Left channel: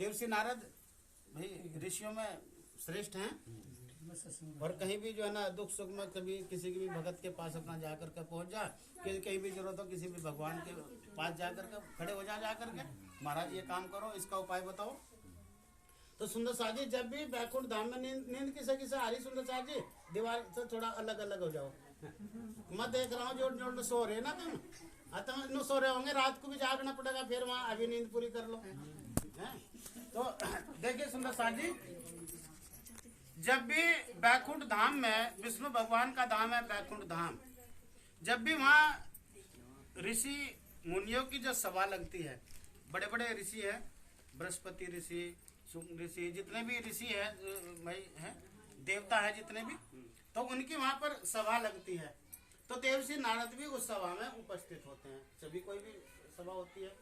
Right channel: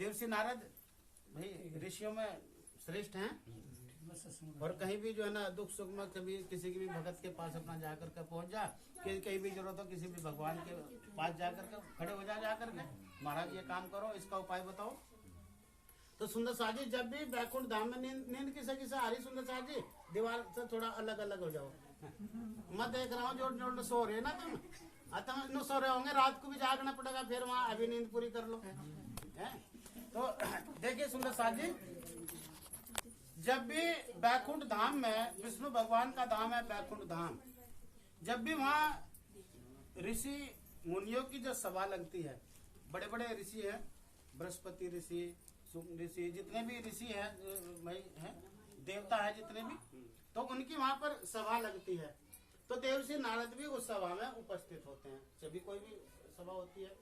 देवर्षि नारद भाई ऋषियों में श्रेष्ठ हैं और कहीं भी जो है ना दुख सुख में कभी किसी की भी भगत के पास अपना जाकर के पहुंच जा, कहीं भी जरूरत हो किसी भी भगवान के पास जाकर के खड़े हो जाकर के महाराज ये काम करो, इसका उपाय बताओ। तो सुंदर शाह जी जब भी बैकुंठ धाम में नींद किसे आ रही, सुंदर शाह जी दीवार से थोड़ा अलग अलग हो जाओ। मैं देख रहा हूँ जो सो रहे ना तुम सो रहे होंगे, रात को भी जागना पड़ेगा, फिर वहाँ अभी नींद पूरी कर लो है। तो देखिए सुंदर शाह जी, जब भी बैकुंठ धाम में, विष्णु भगवान का धाम है बैकुंठ धाम, जब भी वहाँ ऋषि मुनियों की जो सभा लगती है, बड़े बड़े ऋषि है, बृहस्पति ऋषि, शुक्र ऋषि, जितने भी ऋषि है भाई है, देवता है जितने भी, तो उनकी वहाँ पर सभा लगती है। तो देवर्षि नारद भी उस सभा में उपस्थित होते हैं। सभी कोई भी सभा होती है,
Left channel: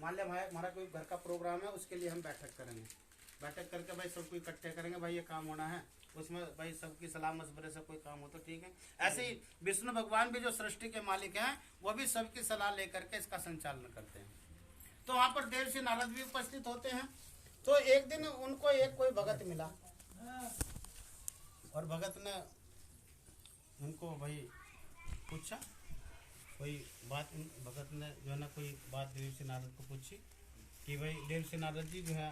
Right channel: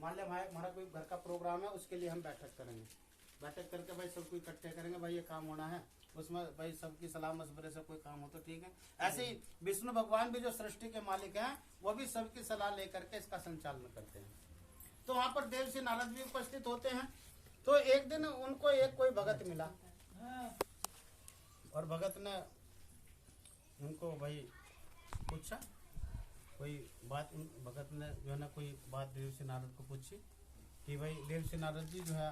मान लिया भाई हमारा कोई घर का प्रोग्राम है, उसके लिए हम बैठक करेंगे, बैठक करके भाई सबको इकट्ठे करेंगे, भाई ये काम होना है, उसमें भाई सबकी सलाह मशवरे से कोई काम हो तो ठीक है। ऐसे ही विष्णु भगवान भी जो सृष्टि के मालिक हैं, वो भी सबकी सलाह लेकर के इसका संचालन करते हैं। तो वहां पर देवर्षि नारद भी उपस्थित होते हैं। तो एक दिन उनको एक कोई भगत मिला और भगत ने उनको भाई पूछा कोई बात, भगत ने जो है ना कोई बात देवर्षि नारद को पूछी कि भाई देवर्षि नारद जी जो है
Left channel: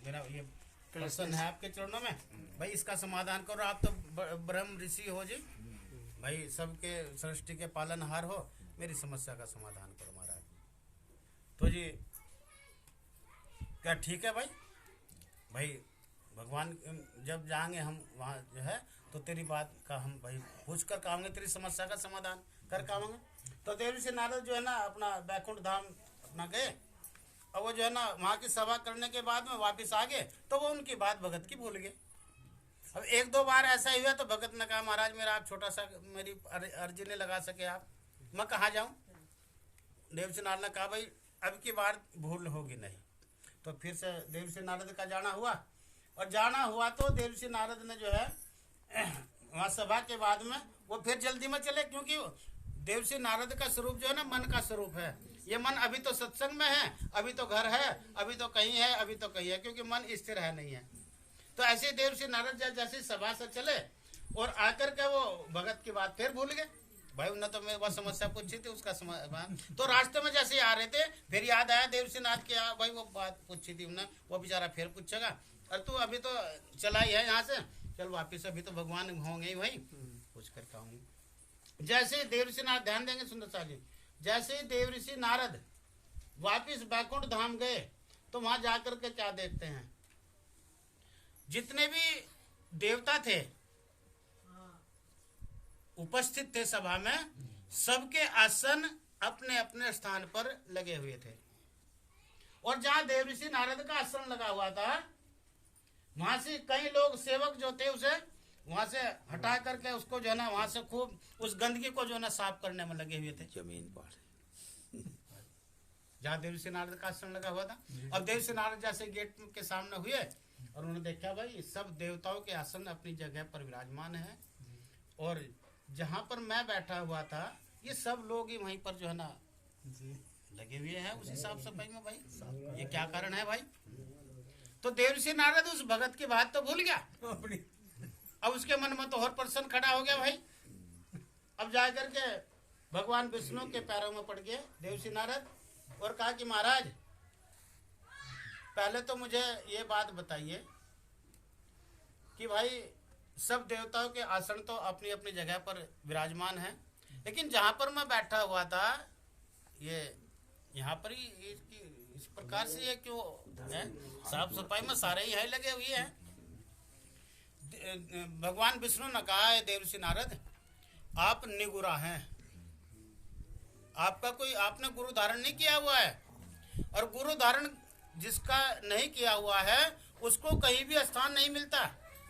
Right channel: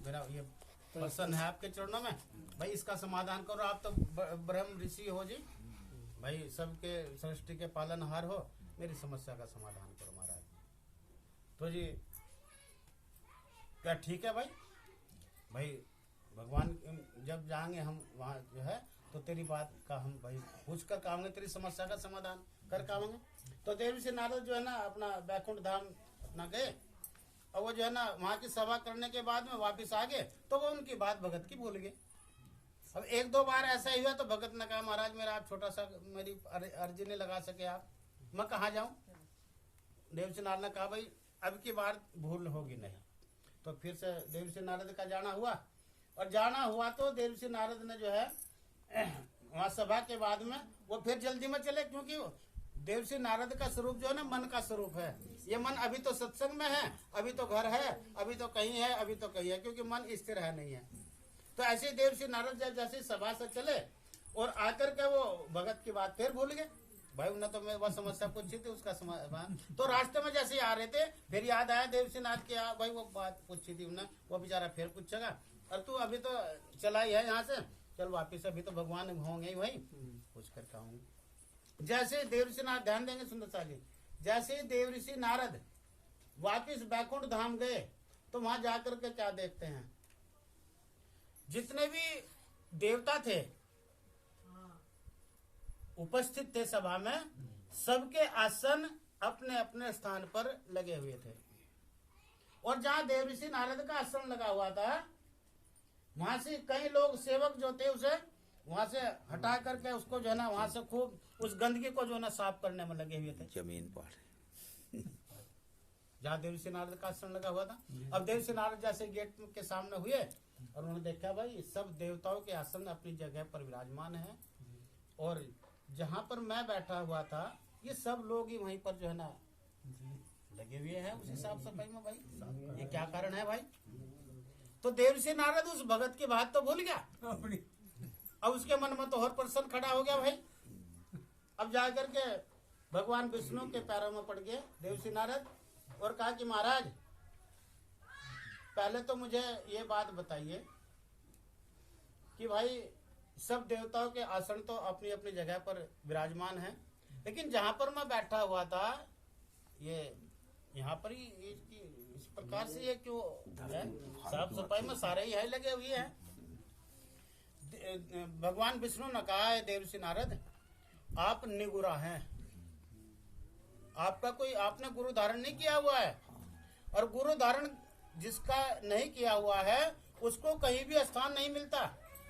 मेरा ये प्रश्न है आपके चरणों में, भाई इसका समाधान करो, आप तो ब्रह्म ऋषि हो जी, भाई सबके सृष्टि के पालनहार हो, मेरी समस्या का समाधान करो महाराज। तो जी क्या ठीक है भाई भगवान जब जाएंगे हम वहाँ जो है तो तेरी बात का हम भाई पूछ कर आएंगे, तेरी समस्या का समाधान कर आएंगे। तो देवर्षि नारद जो है ना अपना बैकुंठ धाम अपना गए और वो जो है ना वहाँ की सभा करने के बाद में वापस आ गए, तो वो उनकी बात भगत की भूल गए। अब एक दो बार ऐसा ही हुआ तो भगत ने कहा महाराज मेरा आप छोटा सा मेरी अर्जी नहीं लगा सके आप, मैं कहाँ जाऊँ। देवर्षि नारद ने कहा भाई अब की बार भूल होगी नहीं। तो फिर से देवर्षि नारद का जाना हुआ और जाना हुआ तो देवर्षि नारद ने जो है वहाँ सभा के बाद में वो फिर जल्दी में चले, क्योंकि देवर्षि नारद का स्वरूप जो है ना मन का स्वरूप है। ये मन अभी तो सत्संग में है, अभी तो घर है, अभी तो कहीं है, अभी तो कहीं है, क्योंकि मन स्थिर है नहीं है। तो ऐसे देवर्षि नारद जैसे सभा से चले और आकर के वो भगत की बात फिर भूल गए। भाई उन्होंने तो मैं वह समस्या पूछी थी उसका समाधान, तो रास्ते में जैसे आ रहे थे फिर याद आया देवर्षि नाथ की भाई वो बात पूछी थी उन्होंने, वो बेचारा फिर पूछेगा, और तू अभी तो चला ही है यहाँ से, चल वापिस, अभी तो भगवान होंगे ही भाई, पूछ कर कहूँगी। जैसे देवर्षि नारद, ध्यान देंगे सुंदर शाह जी, जैसे देवर्षि नारद वापिस बैकुंठ धाम गए तो वहां जाकर के क्या देखते हैं, जितने भी देवता थे उपस्थित थे सभा में, सबके आसन अपने अपने स्थान पर लगे हुए थे। और जहां देवर्षि नारद का आसन लगा हुआ था वहां से कई लोग सेवक जो थे उसे वहां से हटा करके उसको जो है ना वहां से खूब उस गंदगी को जो है ना साफ करने में लगे हुए थे। जमीन पर जहाँ देवर्षि नारद का आसन लगा हुआ था। अब देवर्षि नारद जैसे गेट के सामने हुए और उन्होंने देखा भाई सब देवताओं के आसन अपनी जगह पर विराजमान है और जहाँ पर मैं बैठा हुआ था ये सब लोग ही वहीं पर जो है ना लगे हुए हैं उसी साफ सफाई में। भाई ये क्या कारण है भाई। तो देवर्षि नारद उस भगत की बात तो भूल गया, अब उसके मन में तो और प्रश्न खड़ा हो गया भाई। अब जाकर के भगवान विष्णु के पैरों में पड़ गए देवर्षि नारद और कहा कि महाराज पहले तो मुझे ये बात बताइए कि भाई सब देवताओं के आसन तो अपनी अपनी जगह पर विराजमान है, लेकिन जहां पर मैं बैठा हुआ था ये यहाँ पर ही इस प्रकार से ये क्यों है, साफ सफाई में सारे ही यही लगे हुए हैं। भगवान विष्णु ने कहा है देवर्षि नारद आप निगुरा हैं, आपका कोई आपने गुरु धारण नहीं किया हुआ है, और गुरु धारण जिसका नहीं किया हुआ है उसको कहीं भी स्थान नहीं मिलता,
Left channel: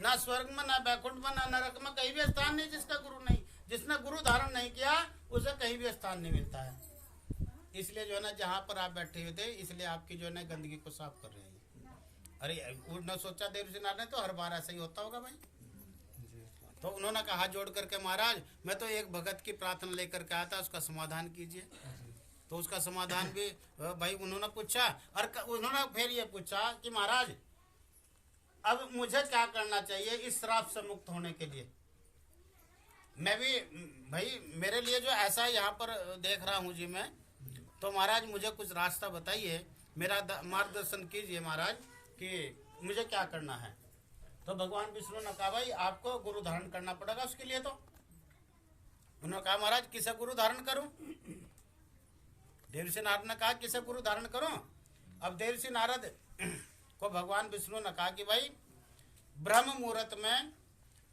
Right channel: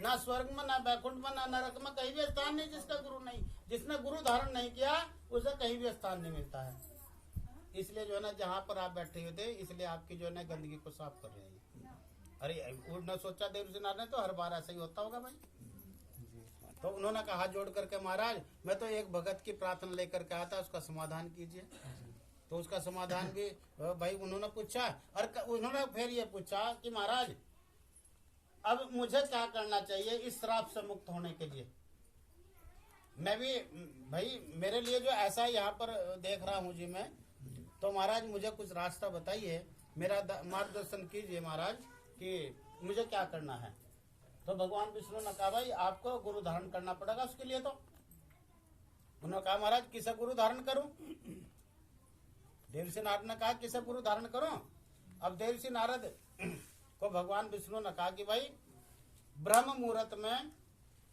ना स्वर्ग में, ना बैकुंठ में, ना नरक में, कहीं भी स्थान नहीं जिसका गुरु नहीं, जिसने गुरु धारण नहीं किया उसे कहीं भी स्थान नहीं मिलता है। इसलिए जो है ना जहाँ पर आप बैठे हुए थे इसलिए आपकी जो है ना गंदगी को साफ कर रहे हैं। अरे उन्होंने सोचा देवर्षि नारद ने तो हर बार ऐसा ही होता होगा भाई। तो उन्होंने कहा जोड़ करके महाराज मैं तो एक भगत की प्रार्थना लेकर के आया था, उसका समाधान कीजिए। तो उसका समाधान भी भाई उन्होंने पूछा। और उन्होंने फिर ये पूछा कि महाराज अब मुझे क्या करना चाहिए इस श्राप से मुक्त होने के लिए। मैं भी भाई मेरे लिए जो ऐसा यहाँ पर देख रहा हूँ जी मैं, तो महाराज मुझे कुछ रास्ता बताइए, मेरा मार्गदर्शन कीजिए महाराज कि मुझे क्या करना है। तो भगवान विष्णु ने कहा भाई आपको गुरु धारण करना पड़ेगा उसके लिए। तो उन्होंने कहा महाराज किसे गुरु धारण करूं। देवर्षि नारद ने कहा किसे गुरु धारण करूं। अब देवर्षि नारद को भगवान विष्णु ने कहा कि भाई ब्रह्म मुहूर्त में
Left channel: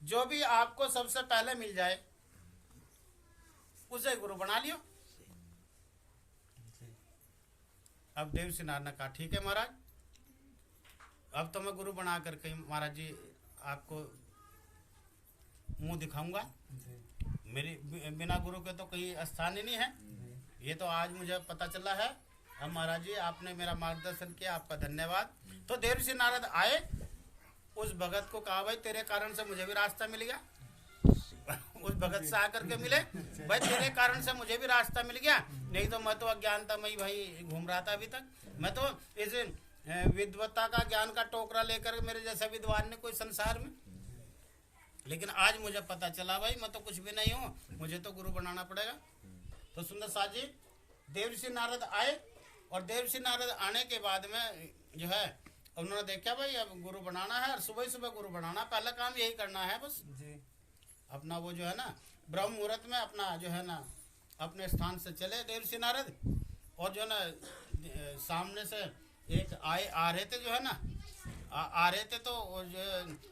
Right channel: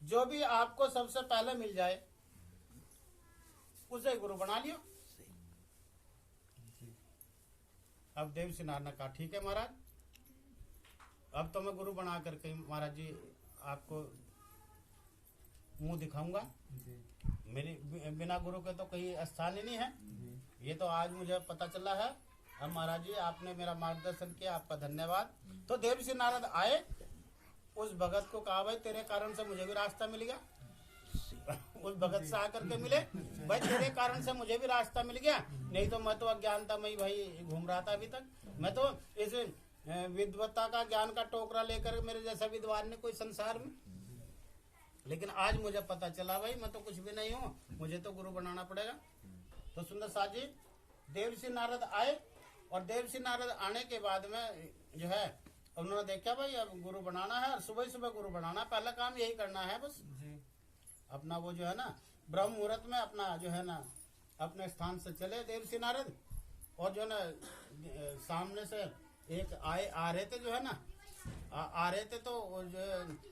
जो भी आपको सबसे पहले मिल जाए उसे गुरु बना लियो। अब देवर्षि नारद ने कहा ठीक है महाराज, अब तो मैं गुरु बना कर कहीं महाराज जी आपको मुंह दिखाऊंगा। मेरी बिना गुरु के तो कहीं स्थान ही नहीं है। ये तो आज मुझे पता चला है। अब महाराज जी आपने मेरा मार्गदर्शन किया, आपका धन्यवाद। तो देवर्षि नारद आए, उस भगत को कहा भाई तेरे कारण से मुझे भी रास्ता मिल गया। उस भगत से आकर के मिले, भाई तेरे कारण से मुझे भी रास्ता मिल गया, नहीं तो मैं तो अज्ञानता में ही भाई घूम रहा था अभी तक। मैं तो इस विद्वत्ता का ज्ञान का टोकरा लेकर मेरे जैसा विद्वान ने कोई संसार में, लेकिन आज मुझे पता चला भाई मैं तो कुछ भी नहीं हूँ, मुझे तो गुरु बनाना पड़ेगा। तो सुंदर साथ जी देवर्षि नारद आए, और देवर्षि नारद आने के बाद में जो है उन्होंने देखा भाई अब गुरु बनाना है, और सुबह सुबह गुरु बनाना, पहला काम यही करना है बस जी। अपना वो जो है ना ब्रह्म मुहूर्त में अपना जो है ना अपने स्थान से चले देवर्षि नारद, और जो है ना सामने से एक आ रहे थे जो है ना आ रहे थे, तो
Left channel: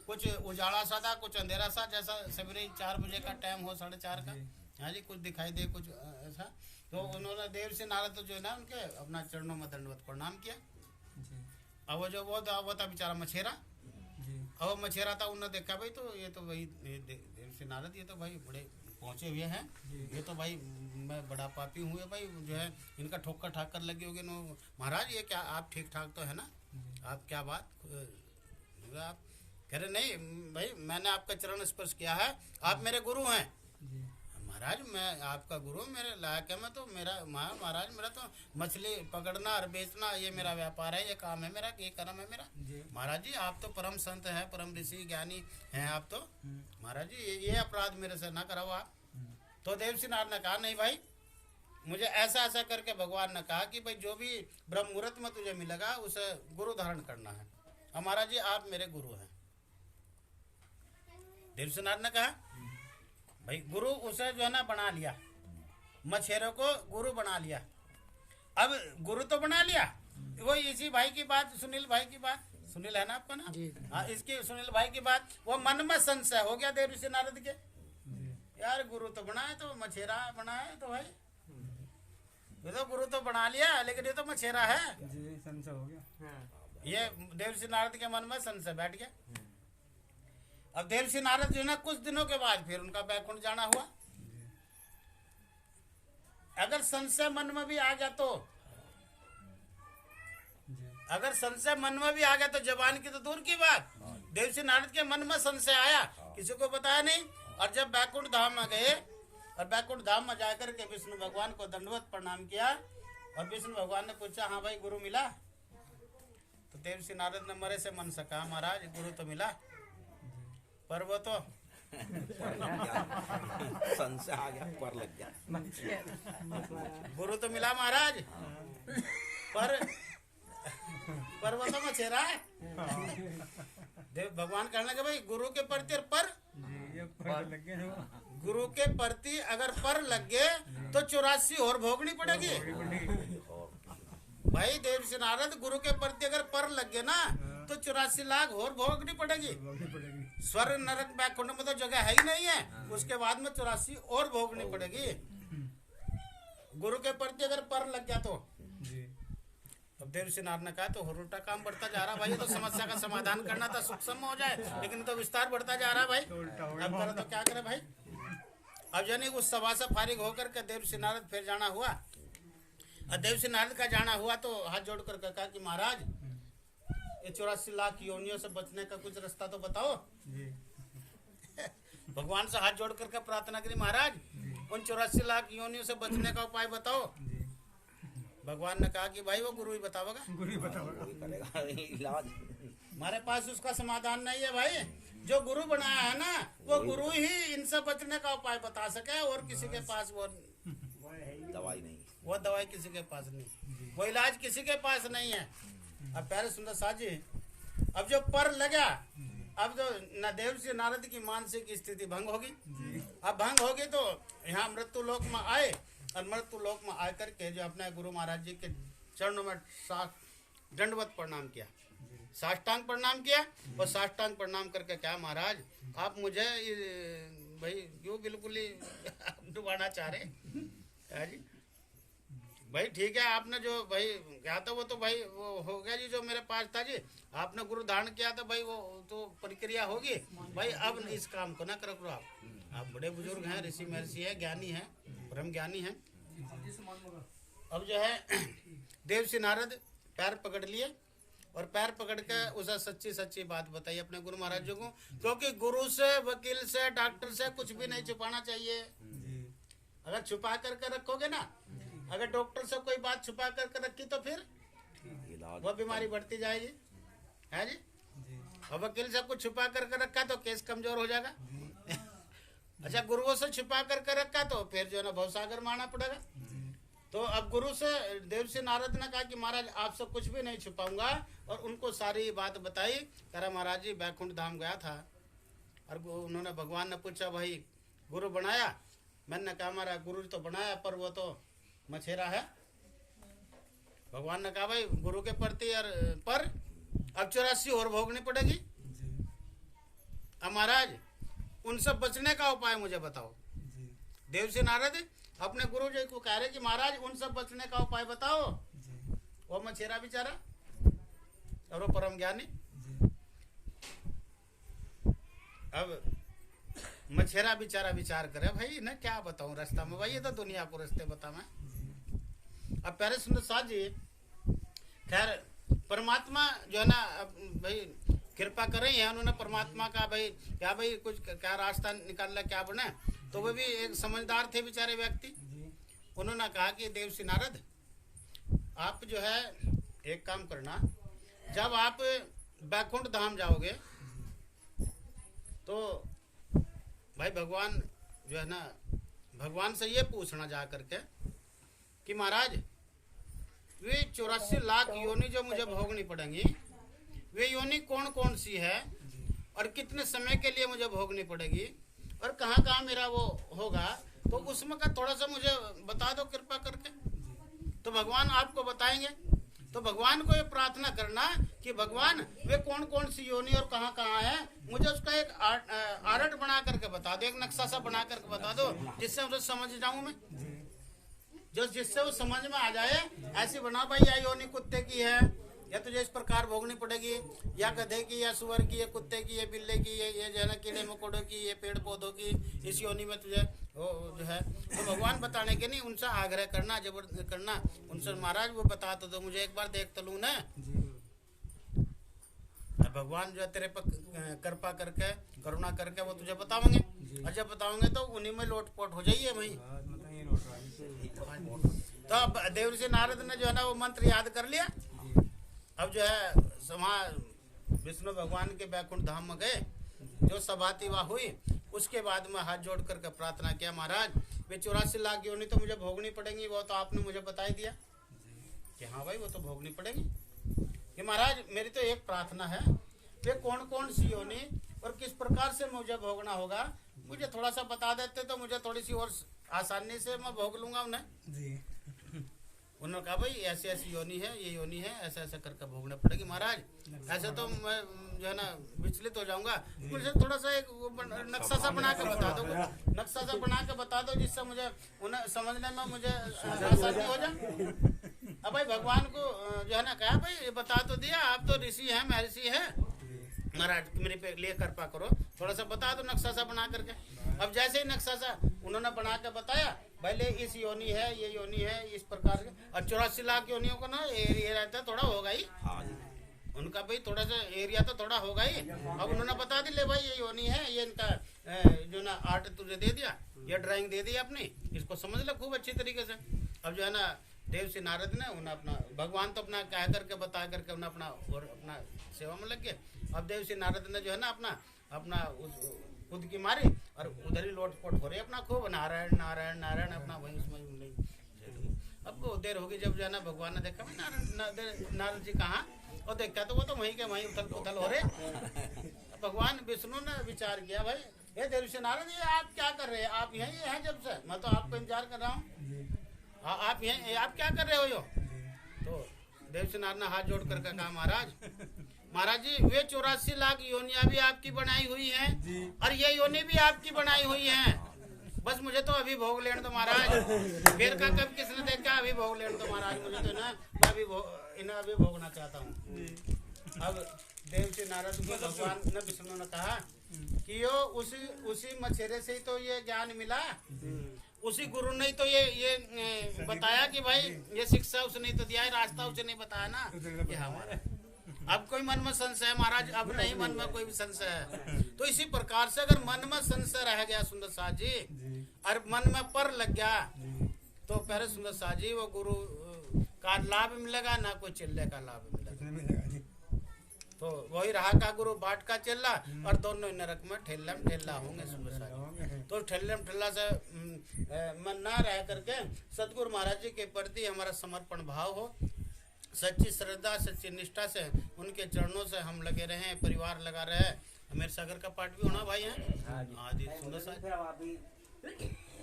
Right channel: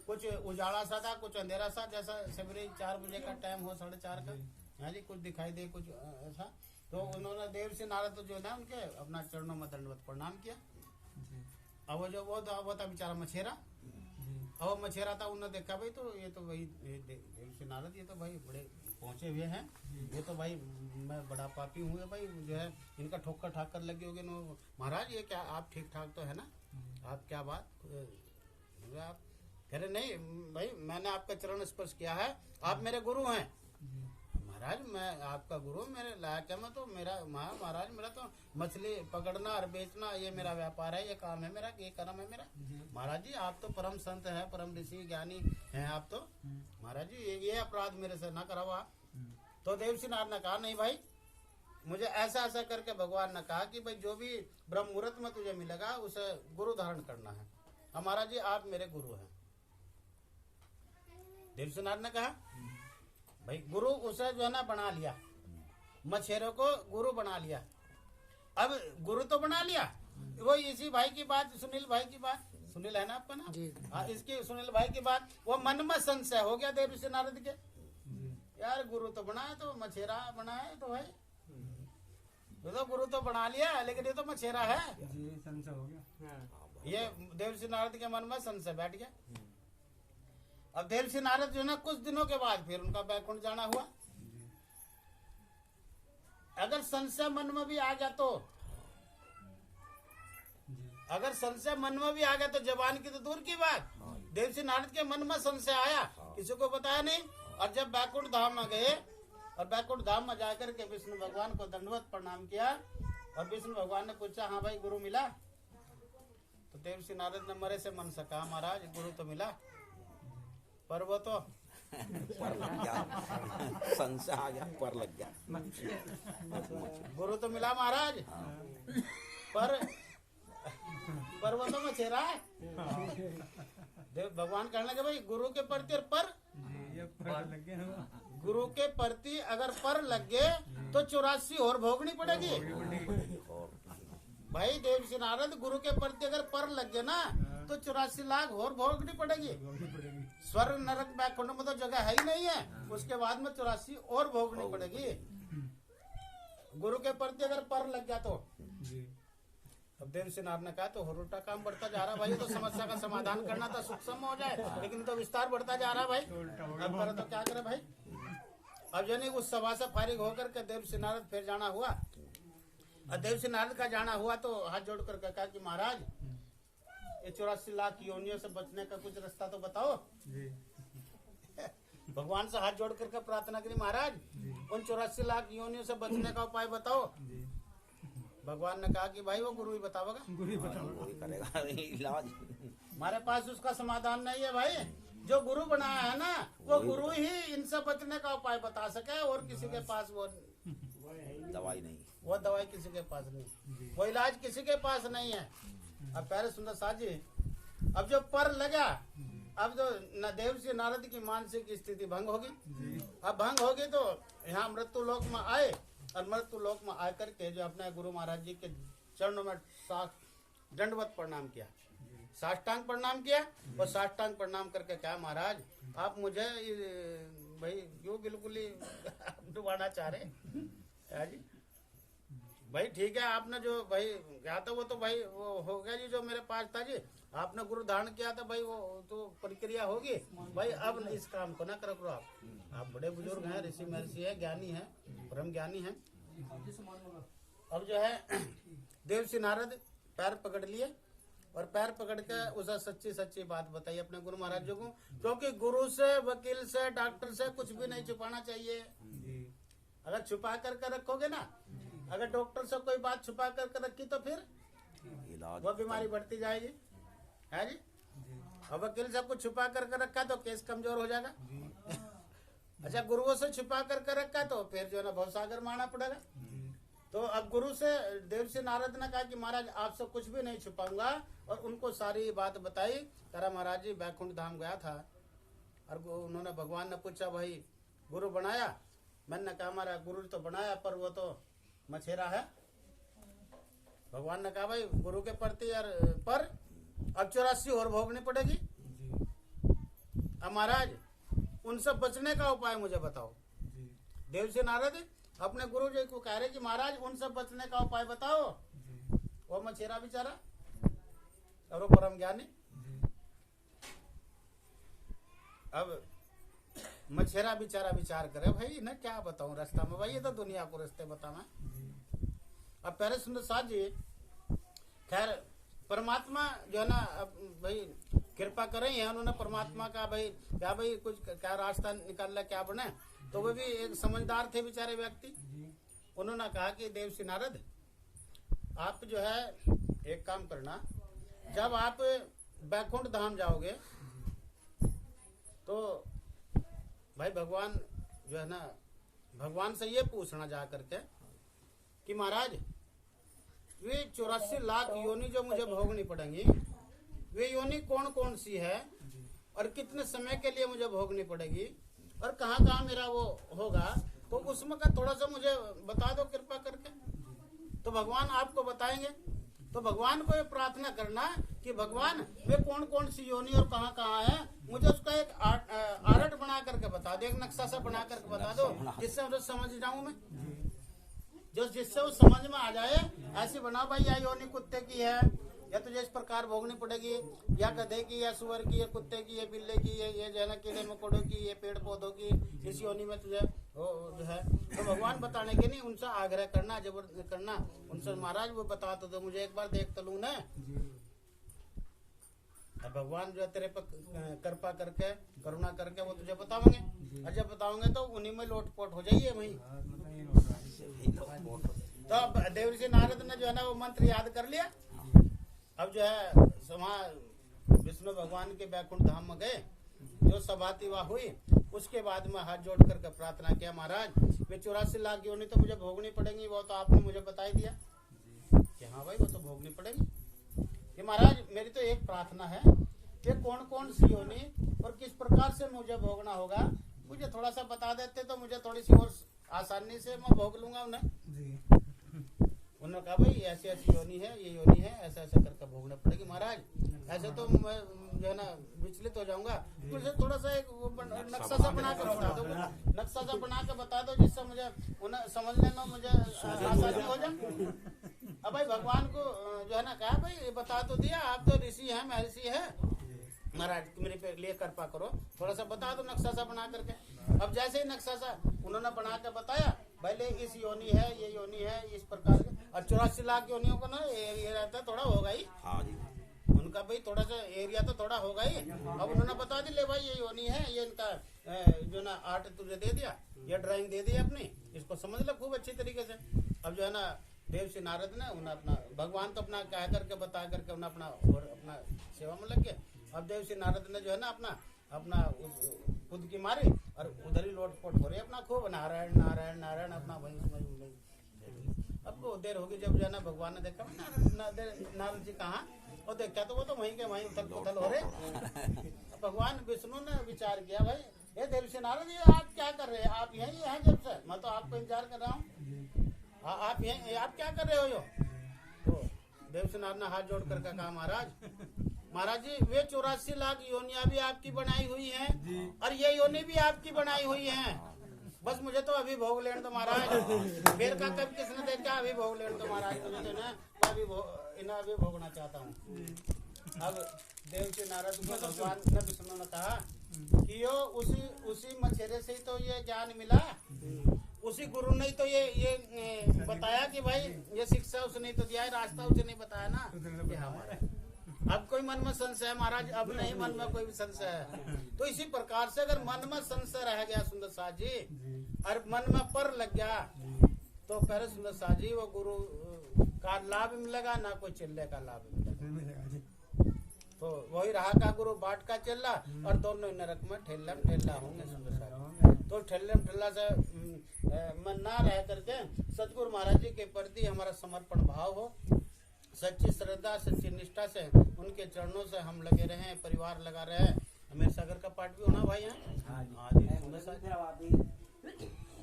कुछ उजाला सा था, कुछ अंधेरा सा, जैसा सवेरे 4 बजे का टाइम हो, 4:30 का, हाँ जी, कुछ दिखाई दे कुछ ऐसा। तो उन्होंने देवर्षि नारद जो है ना उनके अपना चरणों में दंडवत प्रणाम किया। अब वो जो वो था बेचारा मछेरा, अब वो मछेरा था, उन्होंने देखा भाई तो ये तो भाई देवर्षि नारद ये तो भाई बड़े पहुंचे हुए हैं, ये तो भाई मैं बड़ा पापी हूँ भाई, जो है इनका ठोकर ठाकर लगी होगी। महाराज ये क्या आप ठीक ठाक तो है ना, आप क्या बात, आप कह रहे नहीं भाई मैंने आपका चरण स्पर्श किया है, आप मेरे गुरु हैं। महाराज मैं आपका गुरु, मेरे लायक है, मैं तो मेरा महाराज मेरा तो मछली पकड़ना और बेचना ये मेरा व्यापार है, ये काम है मेरा, ये कर्म है मेरा। महाराज जी आप तो परम संत है, परम ऋषि ज्ञानी हैं आप तो, महाराज जी ये अपराध मेरे से ना कराओ आप। तो देवर्षि नारद ने कहा नहीं भाई मुझे ऐसा ऐसा करके भगवान ने कहा कि भाई जो भी ब्रह्म मुहूर्त में तुझे मिलेगा उसे गुरु धारण करना है। हमारा जी आप मेरे गुरु हैं। देवर्षि नारद ने कहा भाई गुरु उसे जो है ना बना लिया, मछेरों को गुरु बना लिया। अब गुरु तो बना लिया, वो इसी भाई की बात, सुनील भाई की बात, सुनील है ना आपका ना, हाँ इसकी सुनील भाई की बात, वो मन में संशय हो गया देवर्षि नारद के, यार गुरु तो बनाए तो मछेरा बनाए तो भाई ये तो गुरु तो बना लिया लेकिन ये तो मछेरा है, संशय हो गया। ये देवर्षि नारद के मन में संशय बैठ गया। अब देवर्षि नारद जो है ना कुछ दिनों के बाद फिर उनका बैकुंठ जाना हुआ। अगर संशय मन में भी आ गया तो, अगर संशय मन में भी आ गया तो जबान की तो दूर की बात, देवर्षि नारद के मन में संशय आया, किसी को बताया नहीं। और जब बैकुंठ धाम में गए और बैकुंठ धाम में जाकर के विष्णु भगवान को दंडवत प्रणाम किया, और विष्णु भगवान ने पूछा हाँ भाई गुरु मिला। तो देवर्षि नारद ने मरे से मन से कहा महाराज गुरु तो मिला, पर वो तो पर लग गया, संशय आ गया, पर लग गया। गुरु तो मिला महाराज, पर वो तो मछेरा है। देव भगवान कहने लगे भाई गुरु के प्रति पर गुरु के प्रति अगर पर लग गए तो 84 और भोगनी पड़ेगी। भाई देवर्षि नारद गुरु के प्रति अगर पर लग गए ना तो 84 लाख और भोगनी पड़ेगी। स्वर्ग नरक बैकुंठ में तो जगह है ही नहीं है, उसके बाद में 84 और भोगनी पड़ेगी। गुरु के प्रति अगर पर लग गया तो अब देवर्षि नारद ने कहा तो और उल्टा काम बढ़ता जा रहा भाई, ये तो समस्या का समाधान करना था सूक्ष्म हो जाए, लेकिन तो विस्तार बढ़ता जा रहा भाई, अब करे तो क्या करे भाई। अब यानी उस सभा से फारिग होकर के देवर्षि नारद फिर जाना हुआ। और देवर्षि नारद का जाना हुआ तो हाथ जोड़ कर कहा कि महाराज ये 84 लाख योनियों से बचने का कुछ रास्ता तो बताओ। भगवान से हाथ जोड़ करके प्रार्थना करी महाराज उन 84 लाख योनियों से बचने का उपाय बताओ। भगवान ने कहा कि भाई वो गुरु ही बतावेगा, वो ही करेगा इलाज। हमारे पास उसका समाधान नहीं है भाई। जो गुरु बनाया है ना वो गुरु ही इनसे बचने का उपाय बता सके, और किसी के पास वो दवाई नहीं। वो दवाई किसी के पास नहीं, वो इलाज किसी के पास नहीं है। अब प्यारे सुंदर साथ जी, अब जो पर लगा, अब जो न देवर्षि नारद की मानसिक स्थिति भंग होगी। अब भंग होगी तो यहाँ मृत्यु लोक में आए, और मृत्यु लोक में आकर के जो अपने गुरु महाराज जी के चरणों में दंडवत प्रणाम किया, साष्टांग प्रणाम किया। और साष्टांग प्रणाम करके क्या महाराज आप मुझे भाई क्यों बिल्कुल ही डुबाना चाह रहे हैं जी? भाई ठीक है, आपने जो भाई क्या था वो तो भाई वो हो गया जी, जो मेरे पास था जी, आपने गुरु धारण किया था भाई, वो तो प्रक्रिया होगी भाई। अब इस काम को ना करो आप बड़े बुजुर्ग हैं, ऋषि महर्षि है, ज्ञानी है, ब्रह्म ज्ञानी है। अब जो है देवर्षि नारद पैर पकड़ लिए, और पैर पकड़ के उसे सच्ची सच्ची बात बताई अपने गुरु महाराज जी को, क्योंकि गुरु से, वकील से, डॉक्टर से कुछ भी नहीं छुपाना चाहिए। अगर छुपा कर रखोगे ना, अगर डॉक्टर से कोई बात छुपा कर रखी तो फिर वो बीमारी बढ़ती जाएगी, है जी। और वकील से कुछ छुपा कर रखा तो केस कमजोर हो जाएगा। अच्छा, गुरुओं से छुपा कर रखा तो फिर जो है ना भवसागर मारना पड़ेगा। तो अब गुरु से देवर्षि नारद ने कहा कि महाराज आपसे कुछ भी नहीं छुपाऊंगा, और उनको सारी बात बताई। करा महाराज जी बैकुंठ धाम गया था, और उन्होंने भगवान ने पूछा भाई गुरु बनाया? मैंने कहा हमारा गुरु तो बनाया पर वो तो मछेरा है। भगवान ने कहा भाई गुरु के प्रति पर अब 84 और भोगनी पड़ेगी। अब महाराज उनसे बचने का उपाय मुझे बताओ। देवर्षि नारद अपने गुरु जी को कह रहे कि महाराज उनसे बचने का उपाय बताओ। वो मछेरा बेचारा और वो परम ज्ञानी। अब मछेरा बेचारा विचार करे भाई ना क्या बताऊं रास्ता में, भाई ये तो दुनिया को रास्ते बता मैं। अब प्यारे सुंदर साथ जी, खैर परमात्मा जो है ना भाई कृपा कर रही है, उन्होंने परमात्मा का भाई क्या भाई कुछ क्या रास्ता निकालना क्या बने। तो वो भी एक समझदार थे बेचारे व्यक्ति। उन्होंने कहा कि देवर्षि नारद आप जो है एक काम करना, जब आप बैकुंठ धाम जाओगे तो भाई भगवान जो है ना, भगवान से ये पूछना जा करके कि महाराज वे 84 लाख योनि जो मुझे भोगनी पड़ेंगी, वे योनि कौन कौन सी है, और कितने समय के लिए मुझे भोगनी पड़ेगी, और कहाँ कहाँ मेरा वो होगा, तो उसमें का थोड़ा सा मुझे बता दो कृपा करके। तो भगवान आपको बताएंगे। तो भगवान को ये प्रार्थना करना कि भगवान वे कौन कौन सी योनि और कहाँ कहाँ है, मुझे उसका एक आर्ट बना करके बता दो, एक नक्शा सा बना करके बता दो, जिससे मुझे समझ जाऊं मैं, जो जिससे वो समझ में आ जाए। ऐसी बना भाई या योनि कुत्ते की है, या तुझे इस प्रकार भोगनी पड़ेगी, या गधे की, या सुअर की, या कुत्ते की, या बिल्ले की, ये जो है ना कीड़े मकोड़ों की, ये पेड़ पौधों की, इस योनि में तुझे वो जो है। तो भगवान बताने के नहीं, उनसे आग्रह करना, जबरदस्ती करना उनसे, महाराज वो बता तो दो मुझे, एक बार देख तो लूं ना। भगवान जो है तेरे पर कृपा करके करुणा करके वो तुझे बताओगे, और जब बताओगे तो उन्हीं में लोटपोट हो जाइए भाई। तो अब देवर्षि नारद ने जो है ना वो मंत्र याद कर लिया। अब जो है वहाँ विष्णु भगवान के बैकुंठ धाम में गए, जो सभाती वहाँ हुई, उसके बाद में हाथ जोड़ करके प्रार्थना किया, महाराज वे 84 लाख योनि तो मुझे भोगनी पड़ेंगी, वो तो आपने मुझे बता ही दिया कि हाँ भाई वो तो भोगनी पड़ेगी। कि महाराज मेरी तो एक प्रार्थना है, वे कौन कौन सी योनि और किस प्रकार से मुझे भोगना होगा, मुझे थोड़ा सा बता देते तो मुझे थोड़ी सी और आसानी से मैं भोग लूंगा उन्हें। उन्होंने कहा भाई ऐसी ऐसी योनि है, ये योनि है, ऐसा ऐसा करके भोगना पड़ेगी। महाराज ऐसे तो मैं जो है ना विचलित हो जाऊंगा, मुझे थोड़ा सा एक नक्शा सा बना के बता दो, नक्शा सा बना के बता दो, जिससे मुझे उन्हें समझने में मुझे आसानी हो जाए। अब भाई भगवान को जो है ना कहा भाई बता तो दिया, आप तो ऋषि हैं, महर्षि है, महाराज मेरे पे लिए कृपा करो, थोड़ा सा बता दो नक्शा सा बना करके। अब जैसे ही नक्शा सा उन्होंने बना के बताया, पहले इस योनि है, ये योनि है, इस प्रकार के, और 84 लाख योनियों को ना ये रहता है थोड़ा होगा ही, उनका भाई थोड़ा सा एरिया तो थोड़ा होगा ही। अब उन्होंने बता दी ले भाई ये योनि है, ये इनका जो ना आर्ट तुझे दे दिया, ये ड्राइंग दे दी अपनी, इसको समझ ले खूब अच्छी तरीके से। अब जो है ना देव से नारद ने उन्हें अपना भगवान तो अपना कह करके बता करके उन्हें अपना और अपना सेवा में लग गए। अब देव से नारद ने जो है ना अपना खुद की मारी और उधर ही लोटपोट हो रहे अपना खूब नारायण नारायण नारायण अपना वहीं उसमें। अब वो देर होगी जब जो है ना भगवान ने देखा नारद जी कहाँ, और देखा तो वो तो वहीं के वहीं उथल पुथल हो रहे। भगवान विष्णु ने विचार किया, भाई ये देव से नारद ये आप क्या कर रहे हैं, आप यहीं हैं जब से, मैं तो आपको इंतजार कर रहा हूँ, आप यहीं आप क्या कर रहे हो यो। तो देव से नारद ने हाथ जोड़ कर कहा, महाराज जी वे 84 लाख योनियां भी आपकी बनाई हुई हैं और ये योनि भी आपकी बनाई हुई हैं, बस मुझे तो अभी भोग लेने दो महाराज। फिर का कब किसने देखा, अभी भोग लेने दो महाराज, मुझे तो ना मैं अभी भोगना चाहता हूँ। अब देव से नारद को भगवान ने विष्णु ने कहा कि यो उसी मछेरे से ही तो ये ज्ञान मिला, उसी गुरु ने तो ये बताया कि भाई ये शिक्षा उसने तो दिया है, रास्ता उसने नहीं बताया ना, ये हमारा। अब कोई मन में संशय है महाराज, अब नहीं मन में कोई भी संशय है। तो इसी प्रकार से अगर मन में संशय रह गया सुंदर साथ जी और मन में पर लग गया तो पहले सुंदर साथ जी वो गुरु का लाभ मिलेगा ना कोई चिल्ले का लाभ मिलेगा। तो वही रहा का गुरु बाट का चिल्ला और दोनों नरक में ठेला होंगे सुंदर साथ जी। तो ठेला से मन ना रह करके सतगुरु महाराज जी के प्रति हमारा समर्पण भाव हो, सच्ची श्रद्धा सच्ची निष्ठा से उनके चरणों से हम लगे रहे, परिवार लगा रहे। अमीर सागर का पाठ भी होना भाई है। आदि सुंदर सा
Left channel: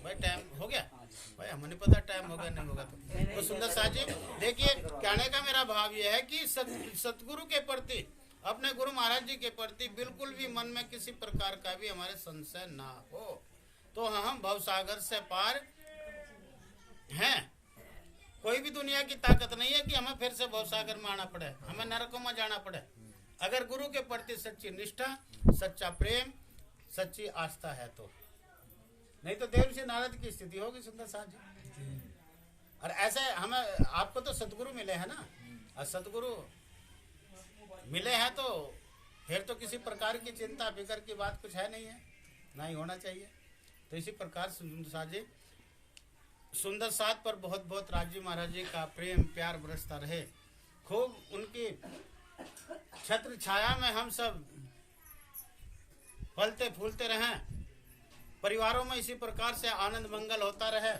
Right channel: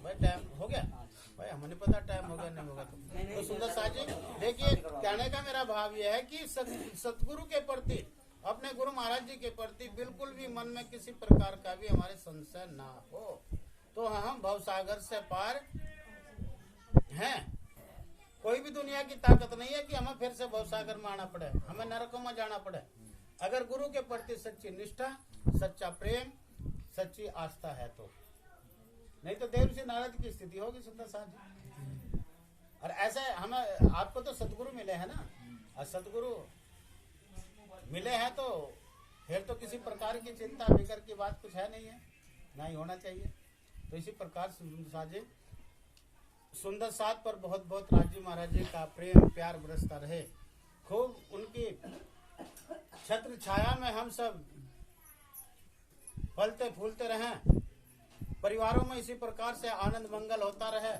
भाई टाइम हो गया भाई, हमें नहीं पता टाइम होगा नहीं होगा। तो सुंदर सा जी देखिए, कहने का मेरा भाव यह है कि सतगुरु के प्रति, अपने गुरु महाराज जी के प्रति बिल्कुल भी मन में किसी प्रकार का भी हमारे संशय ना हो, तो हम भवसागर से पार हैं। कोई भी दुनिया की ताकत नहीं है कि हमें फिर से भवसागर में आना पड़े, हमें नरकों में जाना पड़े। अगर गुरु के प्रति सच्ची निष्ठा, सच्चा प्रेम, सच्ची आस्था है तो, नहीं तो देव से नारद की स्थिति होगी सुंदर साथ जी। और ऐसे हमें आपको तो सतगुरु मिले हैं ना, और सतगुरु मिले हैं तो फिर तो किसी प्रकार की चिंता फिकर की बात कुछ है नहीं है, ना ही होना चाहिए। तो इसी प्रकार सुंदर साथ जी, सुंदर साथ पर बहुत बहुत राजी महाराज जी का प्रेम प्यार बरसता रहे, खूब उनकी छत्र छाया में हम सब फलते फूलते रहें, परिवारों में इसी प्रकार से आनंद मंगल होता रहे,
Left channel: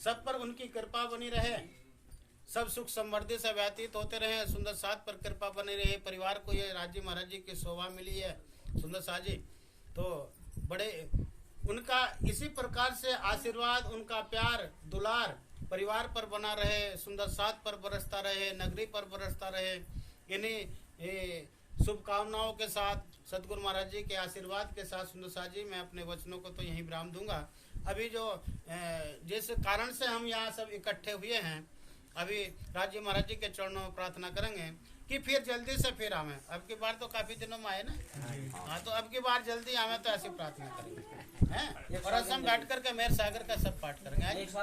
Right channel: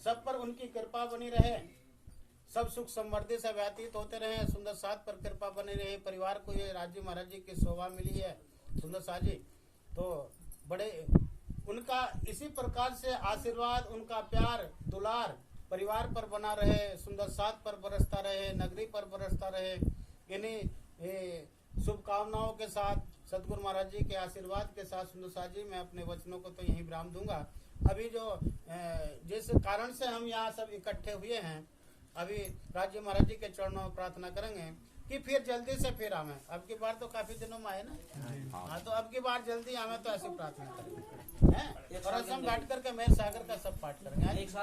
सब पर उनकी कृपा बनी रहे, सब सुख समृद्धि से व्यतीत होते रहे, सुंदर साथ पर कृपा बनी रही। परिवार को ये राजी महाराज जी की शोभा मिली है सुंदर साथ जी, तो बड़े उनका इसी प्रकार से आशीर्वाद, उनका प्यार दुलार परिवार पर बना रहे, सुंदर साथ पर बरसता रहे, नगरी पर बरसता रहे। इन्हीं शुभकामनाओं के साथ, सतगुरु महाराज जी के आशीर्वाद के साथ सुंदर साथ जी मैं अपने वचनों को तो यहीं विराम दूंगा। अभी जो जिस कारण से हम यहाँ सब इकट्ठे हुए हैं, अभी राज्य महाराज जी के चरणों में प्रार्थना करेंगे कि फिर जल्दी से फिर आवे। अब की बार तो काफी दिनों में आए ना, हाँ, तो अब की बार जल्दी आवे तो ऐसी प्रार्थना करेंगे हैं। और हम बैठ करके मेरे सागर का सब पाठ करेंगे।